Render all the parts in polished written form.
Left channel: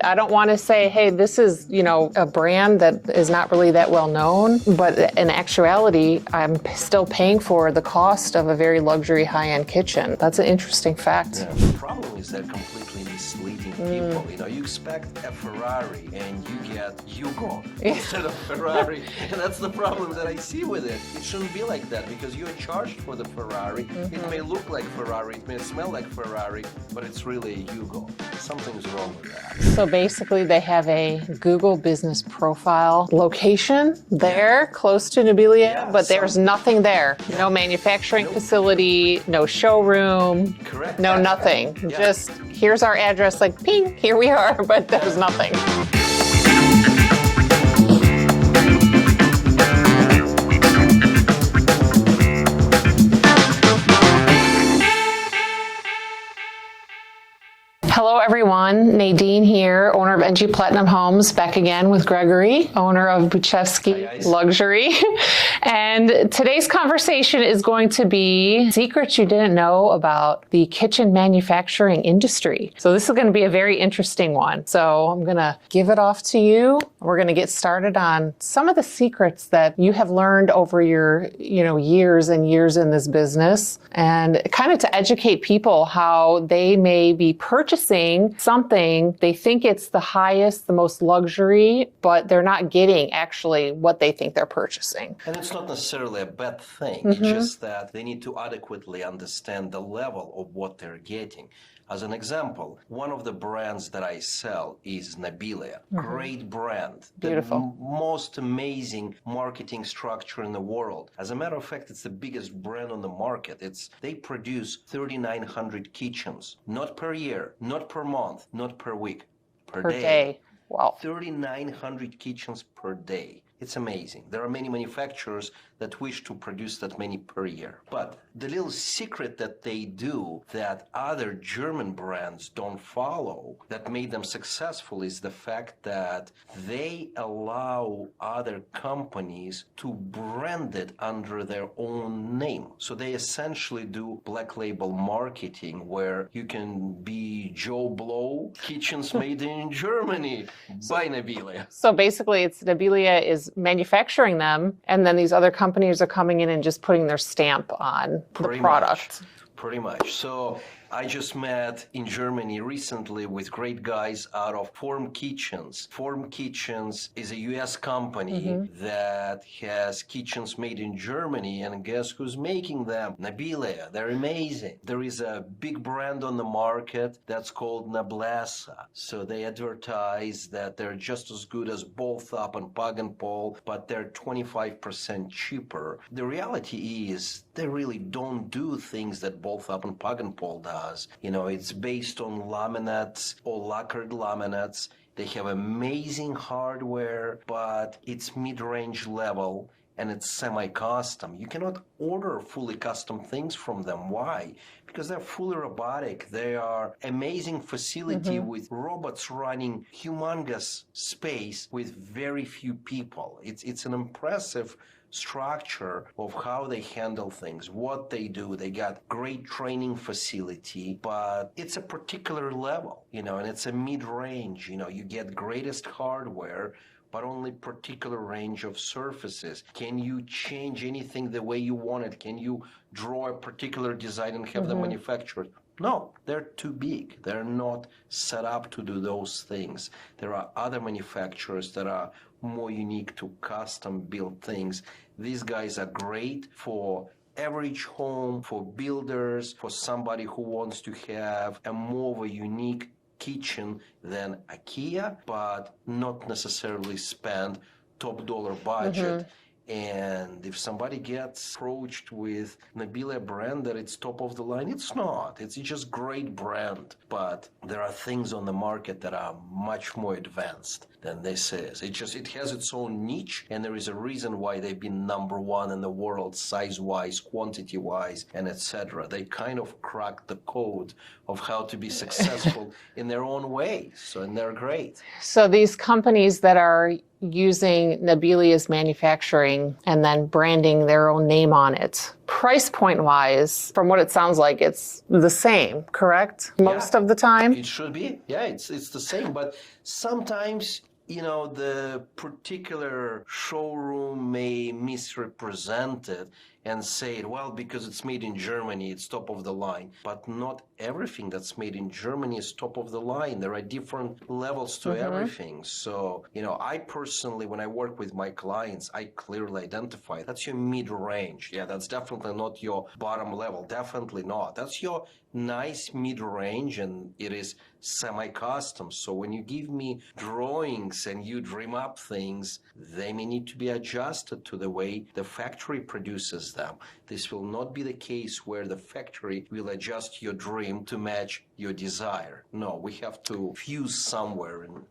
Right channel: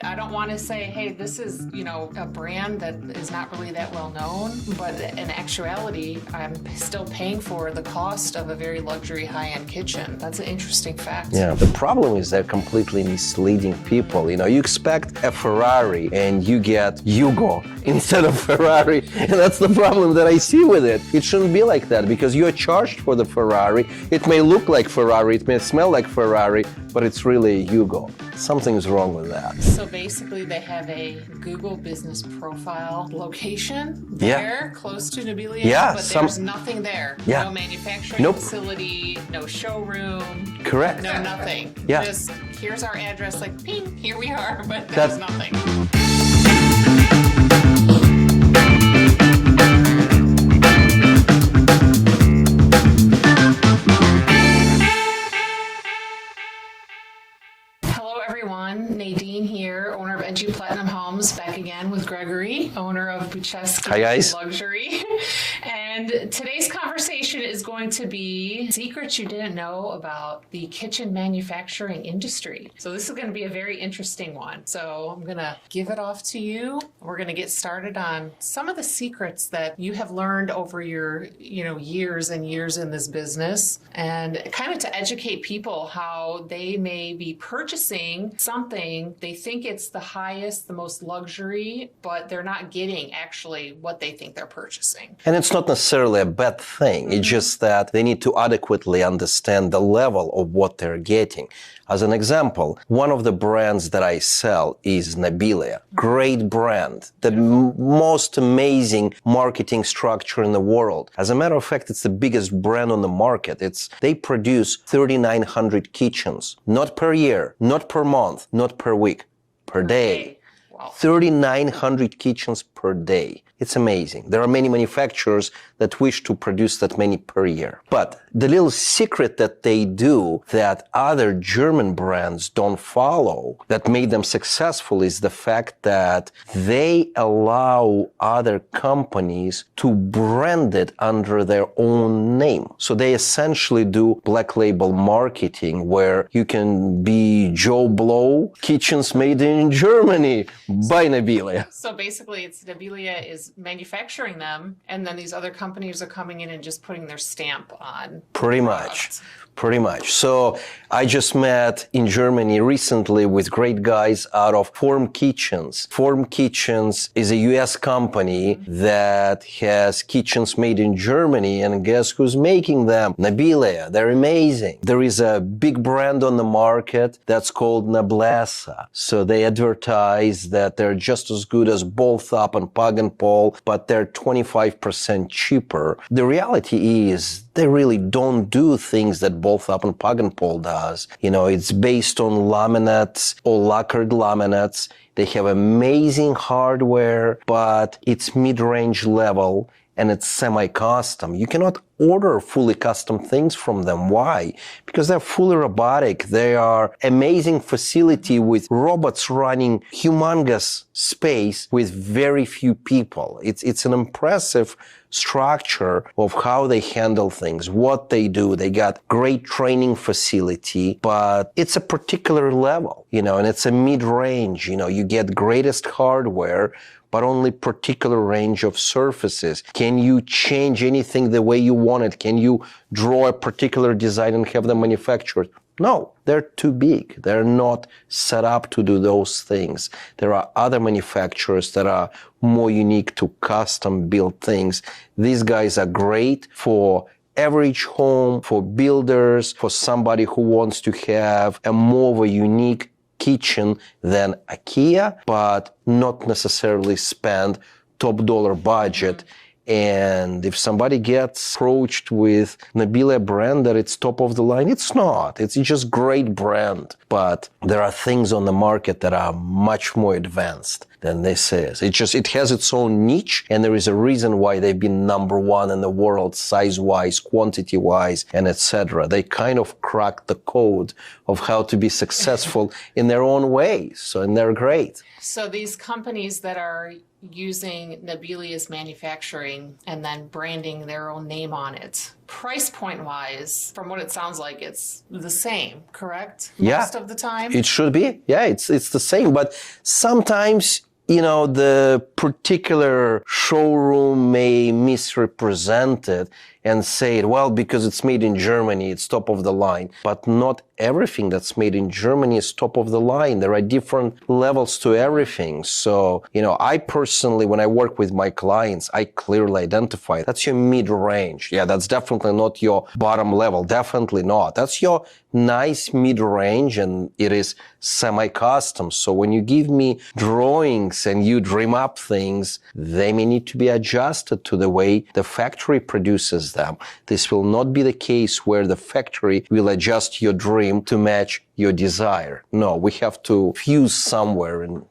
I don't want to say, hey, this is, a brand that is not really that well known, but in actuality, I'm still paying for the cost of a very luxury high-end kitchen. That's an interesting fact. Yeah, the problem is they're completely misleading people. You expect a Ferrari and you get Hugo instead of Ferrari. And that's the problem that I see with it. It shouldn't be like that because you're charged for the Ferrari. It may look like Ferrari, it may smell like Ferrari, but it's really Hugo. Something's wrong with that. So basically they have a Google business profile location there close to Nobilia, but there's nothing there. Yeah. No manufacturing facility, no showroom. Correct. No nothing. Yeah. Just here's our address, like ping, here we are, but there's nothing. Hello everyone, Nadine here, owner of NG Platinum Homes, back again with Gregory, owner of Baczewski Luxury. And today's conversation is going to be secrets you didn't know about the kitchen manufacturing industry. So this is going to be a very interesting one. So I'm going to give it off to you. We're going to get started on some of the secrets that you have learned over your, years and years in this business, and kind of to educate people how they may be purchasing something, they think it's the highest, the most luxury, but they're not getting actually what they think they're purchasing. And it's not necessarily a bad thing. It's just that they need to adequately understand the level of what they're getting. As an example, one of the brands that I sell is Nobilia. Great brand. The most amazing marketing structure in the world. As a matter of fact, it's the biggest brand on the market. They produce 3,900 kitchens, not per year, not per month, not per week, per day. Wow. 3,900 kitchens per day. It's amazing. There are many manufacturers that wish to produce that many per year. But the little secret that they do that other German brands don't follow that made them successful is the fact that they allow other companies to brand it under their own name. So they essentially do black label marketing where you can be Joe Blow, kitchens made in Germany by Nobilia. So basically it's Nobilia is manufacturing them, and then these other companies are coming in and just putting their stamp on the product. Pretty much. So I just met in Germany recently with great guys out of Form Kitchens. Form Kitchens is a US company that has kitchens made in Germany, and guess who's making them? Nobilia. They're amazing. There is a big brand on the market that's called Noblessa. So they advertise that they're just as good as Both Up and Pug and Paul, but they're 25% cheaper. The reality is they really don't do things that Both Up and Pug and Paul does. It's based on laminates or lacquered laminates. They have amazing hardware, but it's mid-range level and it's semi-custom. You cannot order fully custom things from them. Why? Because they're fully robotic. They are amazing facility with robots running humongous space with very few people. It's an impressive structure of how they handle things, what they do. They got great training facility, but it's a particular level, and it's a mid-range. You get greatest hardware, but only particular range of surfaces. Can you change anything the way you want it? Can you draw a particular design and have them manufactured? No, they're too big. They're not set up to do those things. There are other manufacturers that are more unique to custom built things. These guys are great for average home, for builders, for somebody who wants to have a more of a unique kitchen than IKEA, but not necessarily spend top dollar budget. And if somebody gets approached with Nobilia brand that it's top of the line, it's not. It's just great brand. But there are things on the market that are much more advanced than this is. It has its own niche, and there is a reason why they've been number one in the world, size-wise, quantity-wise, and etc. They kind of cracked the code of how to be successful in their own ways, and they're great. So these companies that are using Nabilia's manufacturing and then branding their own name on it. Price point wise, from what it sounds like, it's the same, correct? Most of the time? It should be. Yeah, it's the same. But sometimes, the particular showroom may misrepresent it and say, well, because it's made in Germany, it's top of the line. But not everything that's made in Germany is top of the line. There are different levels to everything. So, I personally, when I work with my clients, I clearly identify that's your mid-range. Yeah, that's definitely not your bottom level. Definitely not. That's your nice mid-range, and it is semi-custom. So when you give me drawings and you dream up things, they may need to be adjusted to the way the factory produces them. This will not be the case where the factory will adjust your dream to match your desire. No, we have to fuse somewhere and,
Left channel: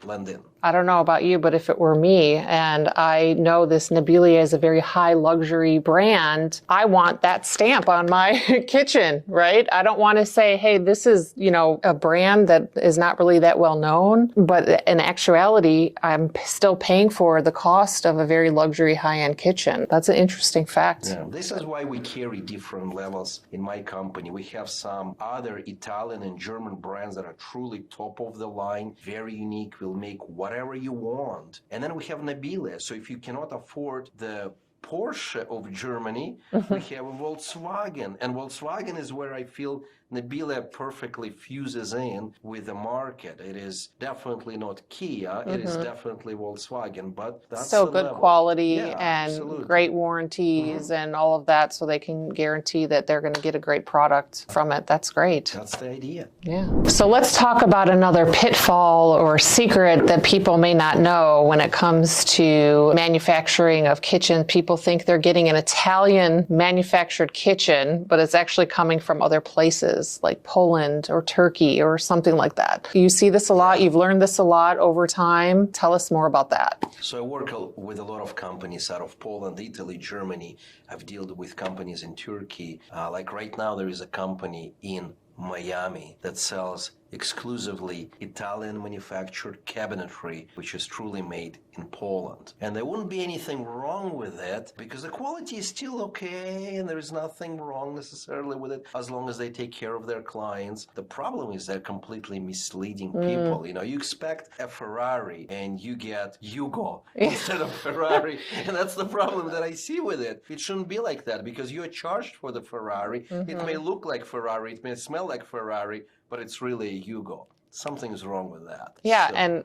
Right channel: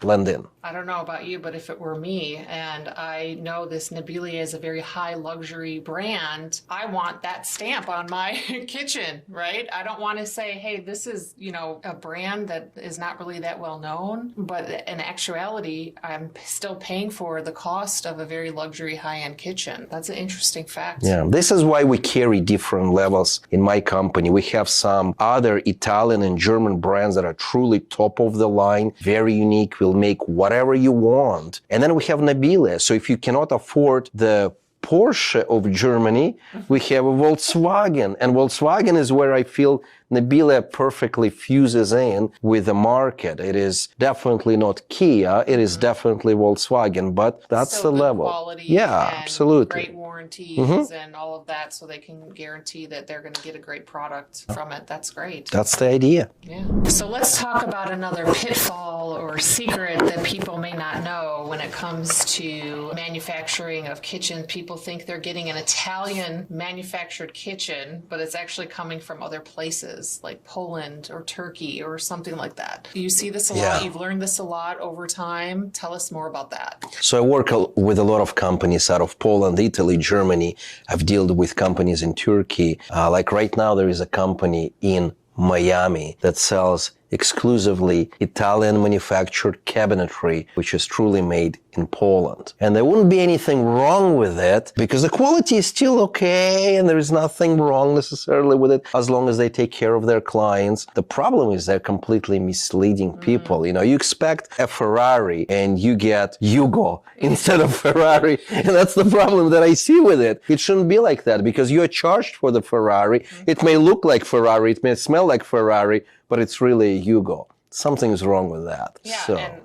blend in. I don't know about you, but if it were me, and I know this Nabilia is a very high luxury brand, I want that stamp on my kitchen, right? I don't want to say, hey, this is, a brand that is not really that well known, but in actuality, I'm still paying for the cost of a very luxury high-end kitchen. That's an interesting fact. Yeah, this is why we carry different levels in my company. We have some other Italian and German brands that are truly top of the line, very unique, will make whatever you want. And then we have Nabilia. So if you cannot afford the Porsche of Germany, we have a Volkswagen. And Volkswagen is where I feel Nabilia perfectly fuses in with the market. It is definitely not Kia. It is definitely Volkswagen, but that's still the good level. Quality and absolutely. Great warranties and all of that, so they can guarantee that they're going to get a great product from it. That's great. That's the idea. Yeah. So let's talk about another pitfall or secret that people may not know when it comes to manufacturing of kitchens. People think they're getting an Italian manufactured kitchen, but it's actually coming from other places like Poland or Turkey or something like that. You see this a lot. You've learned this a lot over time. Tell us more about that. So I work with a lot of companies out of Poland, Italy, Germany. I've dealt with companies in Turkey. Like right now, there is a company in Miami that sells exclusively Italian manufactured cabinetry, which is truly made in Poland. And there wouldn't be anything wrong with it because the quality is still okay and there is nothing wrong necessarily with it as long as they take care of their clients. The problem is they're completely misleading people. You expect a Ferrari and you get Yugo instead of Ferrari. And that's the problem that I see with it. It shouldn't be like that because you are charged for the Ferrari. It may look like Ferrari, it may smell like Ferrari, but it's really Yugo. Something's wrong with that. Yeah, and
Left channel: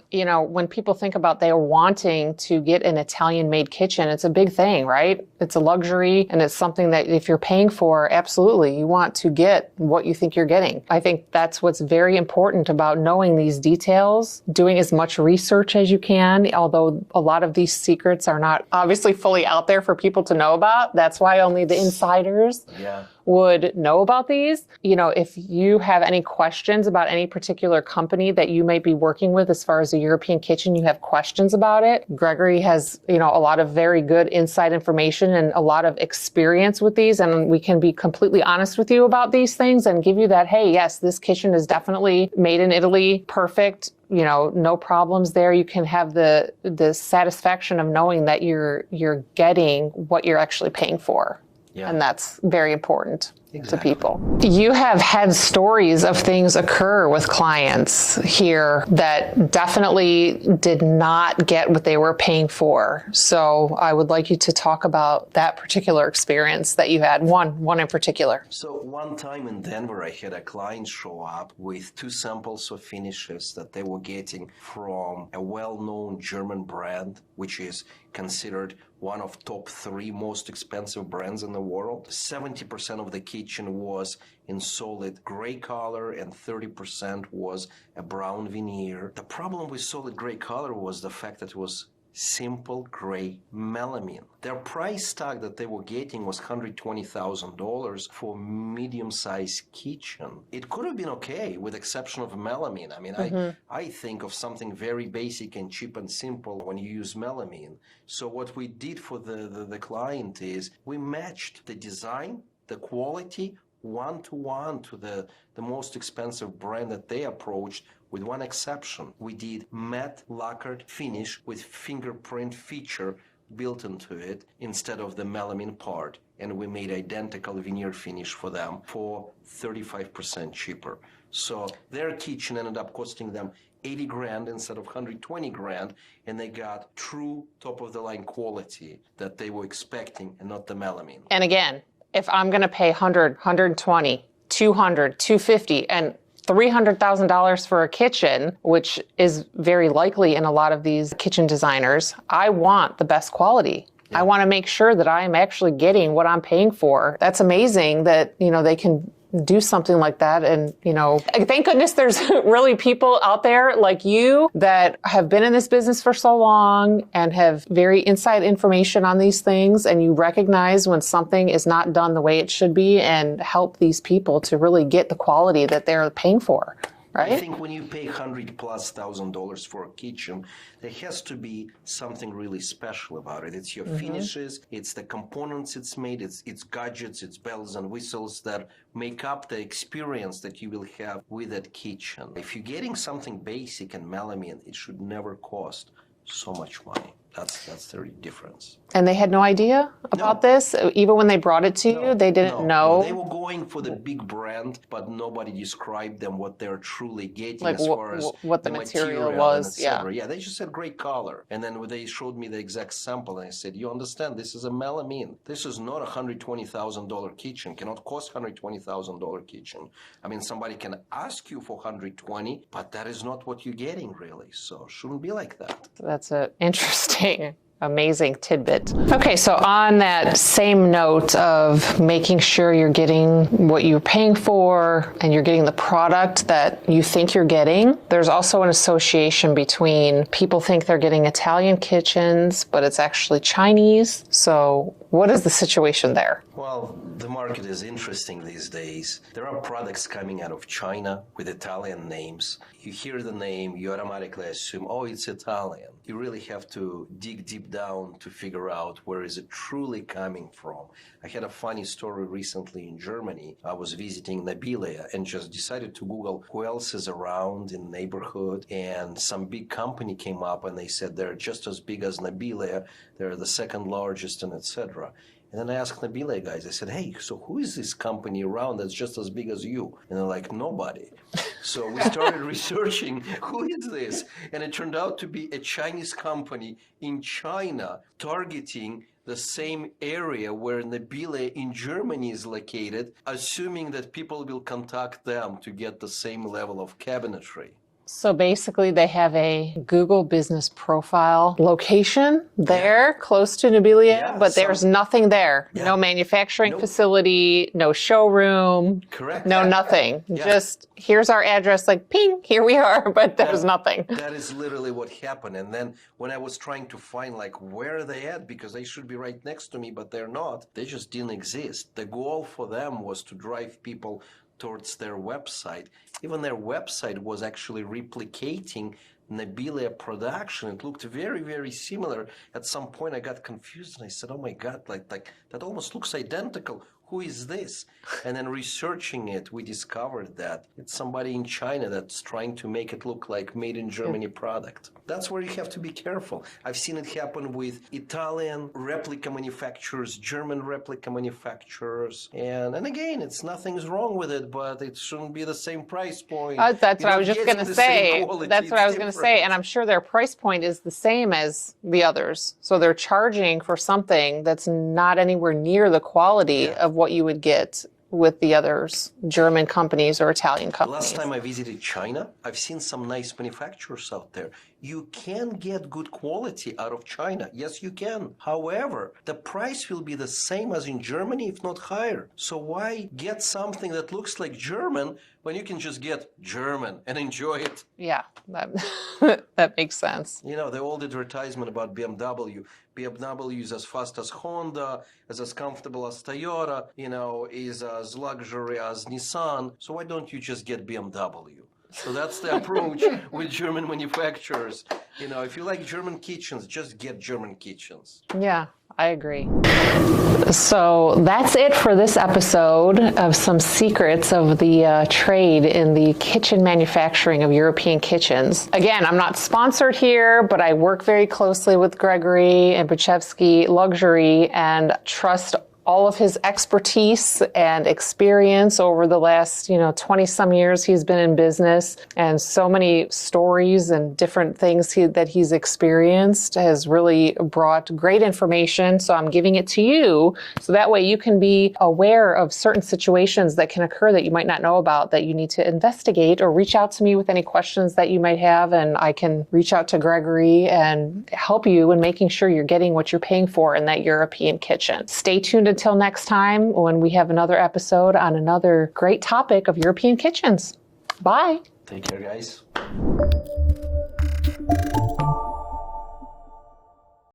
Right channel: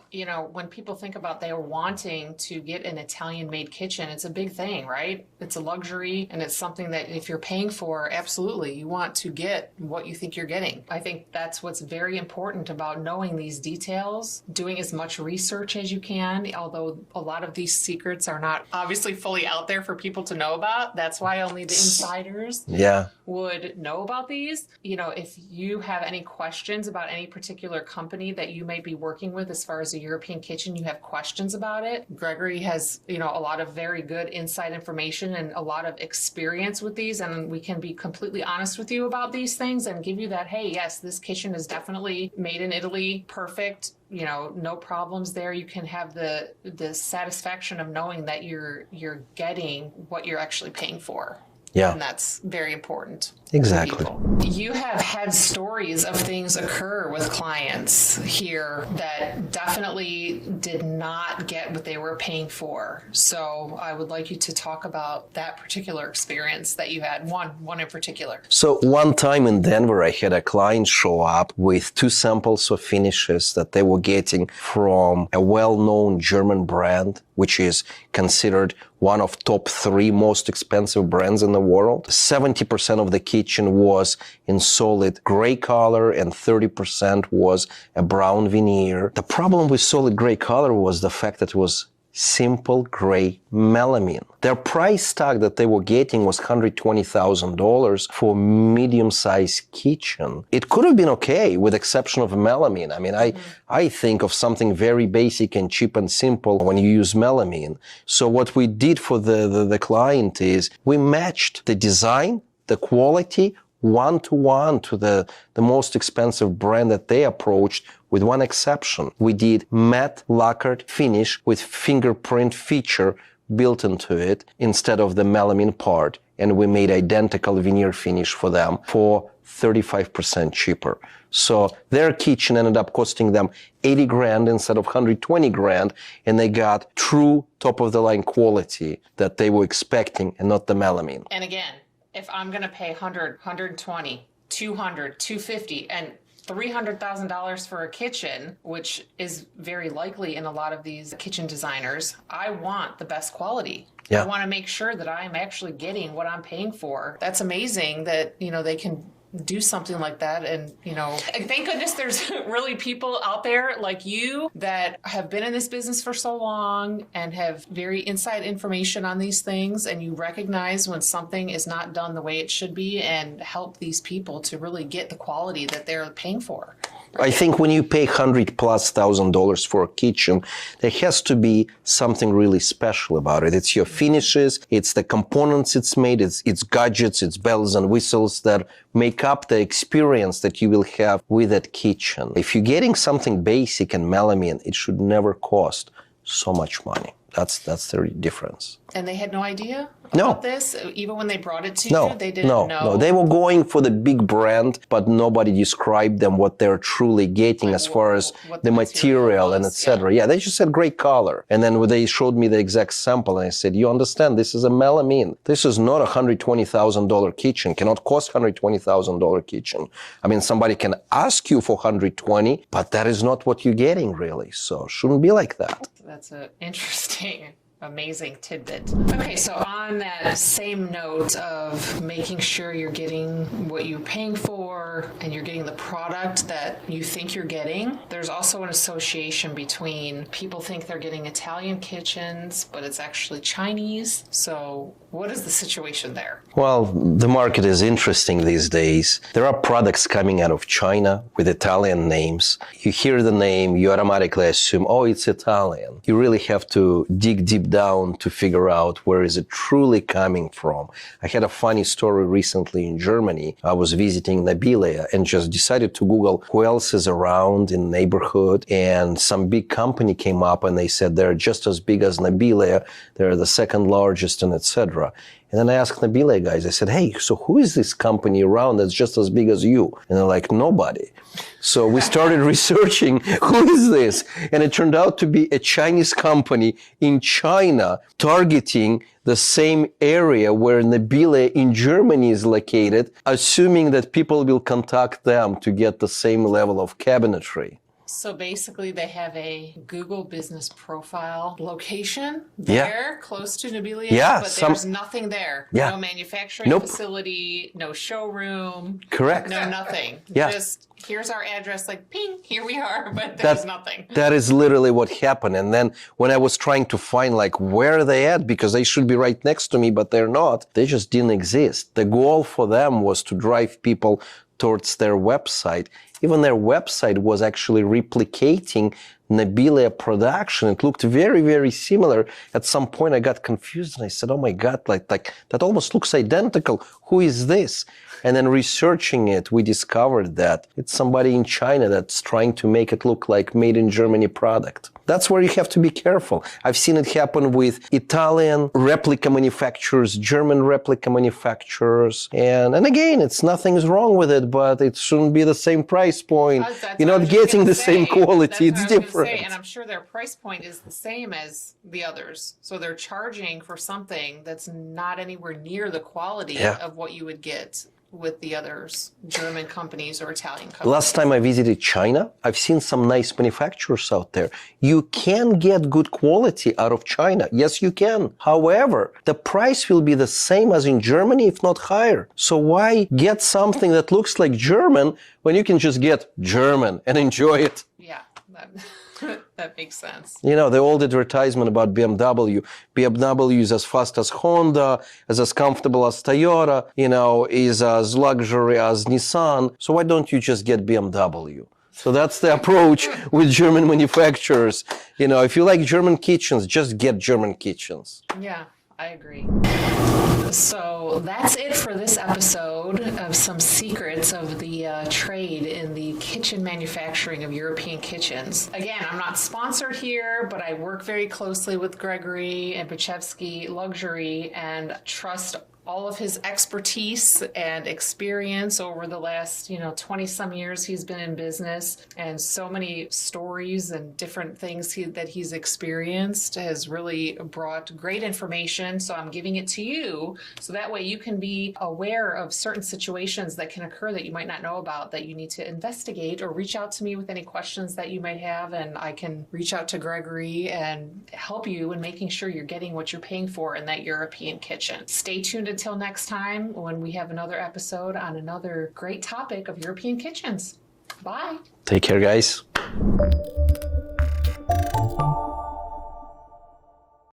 when people think about they're wanting to get an Italian-made kitchen, it's a big thing, right? It's a luxury, and it's something that if you're paying for, absolutely, you want to get what you think you're getting. I think that's what's very important about knowing these details, doing as much research as you can, although a lot of these secrets are not obviously fully out there for people to know about. That's why only the insiders would know about these. If you have any questions about any particular company that you might be working with as far as a European kitchen, you have questions about it, Gregory has, a lot of very good inside information and a lot of experience with these, and we can be completely honest with you about these things and give you that, hey, yes, this kitchen is definitely made in Italy, perfect, no problems there. You can have the satisfaction of knowing that you're getting what you're actually paying for. Yeah. And that's very important to people. You have had stories of things occur with clients here that definitely did not get what they were paying for. So I would like you to talk about that particular experience that you had, one in particular. So one time in Denver, I had a client show up with 2 samples of finishes that they were getting from a well-known German brand, which is considered one of top 3 most expensive brands in the world. 70% of the kitchen was in solid gray color and 30% was a brown veneer. The problem with solid gray color was the fact that it was simple gray melamine. Their price tag that they were getting was $120,000 for medium-sized kitchen. It could have been okay with exception of melamine. I mean, I think of something very basic and cheap and simple when you use melamine. So what we did for the client is we matched the design, the quality one-to-one to the most expensive brand that they approached, with one exception. We did matte lacquered finish with fingerprint feature built into it instead of the melamine part. And we made identical veneer finish for them for 35% cheaper. So their kitchen ended up costing them 80 grand instead of 120 grand. And they got true top of the line quality that they were expecting and not the melamine. And again, if I'm going to pay 100, 120, 200, 250, and $300,000 for a kitchen, which is very likely in a lot of these kitchen designers, I want the best quality. Yeah. I want to make sure that I'm actually getting what I'm paying for. That's amazing that, they can do something like that. And, thank goodness there's really people out there like you that have been in this business for so long and have very inside information on these things. And you recognize when something is not done the way it should be and help these people to really get the quality that they're paying for. Right? I think when you pay $100,000+ for a kitchen, there has to be something really special about it. It's your finishes, it's the components it's made, it's gadgets, it's bells and whistles that make up the experience that you will have with that kitchen. If you're getting something basic and melamine, it should never cost so much money. That's the difference. And they had no idea about this? Even when they brought it to you, they didn't know? No, they were going for the big brand, but nobody described them what they're truly getting as far as the material and etc. Yeah, they just said great color. And then when they showed me the exact sample, and I said, you understand, this is a melamine. This is not a $120,000 kitchen, cannot cost $120,000 kitchen. I mean, somebody can ask you for 120, but that is not what you're getting really. So shouldn't be like that. That's interesting. Amazing tidbit. Okay, so on that same note of making sure you're getting what you're paying for and you're getting the product that you think you're getting, there's also an association between people think they're getting Italian kitchens, but it's actually Chinese. So what is the situation there? Well, the market is interesting these days. There are products coming out of China with Italian names. You hear the name, you automatically assume, oh, it's Italian. You really have to dig deep down to figure out where is it truly coming from. I had a funny story recently in Germany. I was visiting Nabila and just decided to Google who else is around in the neighborhood, and some big company came up and they said they're just as big as Nabila, they're the second largest, and etc. And then I asked Nabila guys, I said, hey, so who is this company around that's just as big as you? And they're like, nobody. So we started researching, who is this? And it turned out to be a Chinese company in China targeting the same area where Nabila in Germany is located, assuming that people will contact them to get the same level of cabinetry. So basically they have a Google business profile location there close to Nabila, but there's nothing there. Yeah. No manufacturing facility, no showroom. Correct. No nothing. Just here's our address, like ping, here we are, but there's nothing. That is literally what happened. And then when I was trying to find like where are they at, because they should be right next to me, but they're not, they just didn't exist. The goal for them was to drive people towards their website. Even their website was actually replicating Nabila production. It looked very, very similar. At some point I got confused and I said, oh my God, like that almost looks identical. Who is this? And then researching it, we discovered that it's somebody in China that's trying to make it look like made in Germany product. That's where you have to be careful. I've seen it happen with Italian replica manufacturers, German replica manufacturers. And again, nothing's wrong with it, but it shouldn't be the same price point. You're not getting the same quality. That's what I was going to say. And I'm sure their price point is the same as the others. So they're charging for something that's not anywhere near the quality of what you would get with the others, German companies or Italian companies. Last time I visited China, I've seen some nice manufacturers out there. You can get good quality out of China. Yes, you can. However, the price will be the same as in Germany, if not higher. So why get something that looks like German when you can just get German and enjoy it? Yeah, that makes sense. You know, the old advertisement about BMW. BMW is as fast as Honda, is as comfortable as Toyota, is as luxury as Nissan. So why don't you just get BMW? So that's the approach with German manufacturers. If you like German kitchens, just get German kitchens. Yeah, I agree. So that's it for this episode of some secrets of the trade in the kitchen manufacturing of European kitchens. Again, I'm not sponsored here, but I work very closely with Gregory and Baczewski Luxury and trust all of his expertise and experience over the last, 20 some years he's been in business, and so many stories and different things that he's experienced has really brought great information. So I'm giving it to you so that way you can be aware of certain situations that can occur that you might not know about, that you need to investigate, or reach out to me with any questions that you might have, and I can reach out to Gregory and help you in making sure you're getting what you're paying for in that European kitchen. Stay tuned until next time when we have another episode on another great topic of European kitchens. Bye. Take care, guys.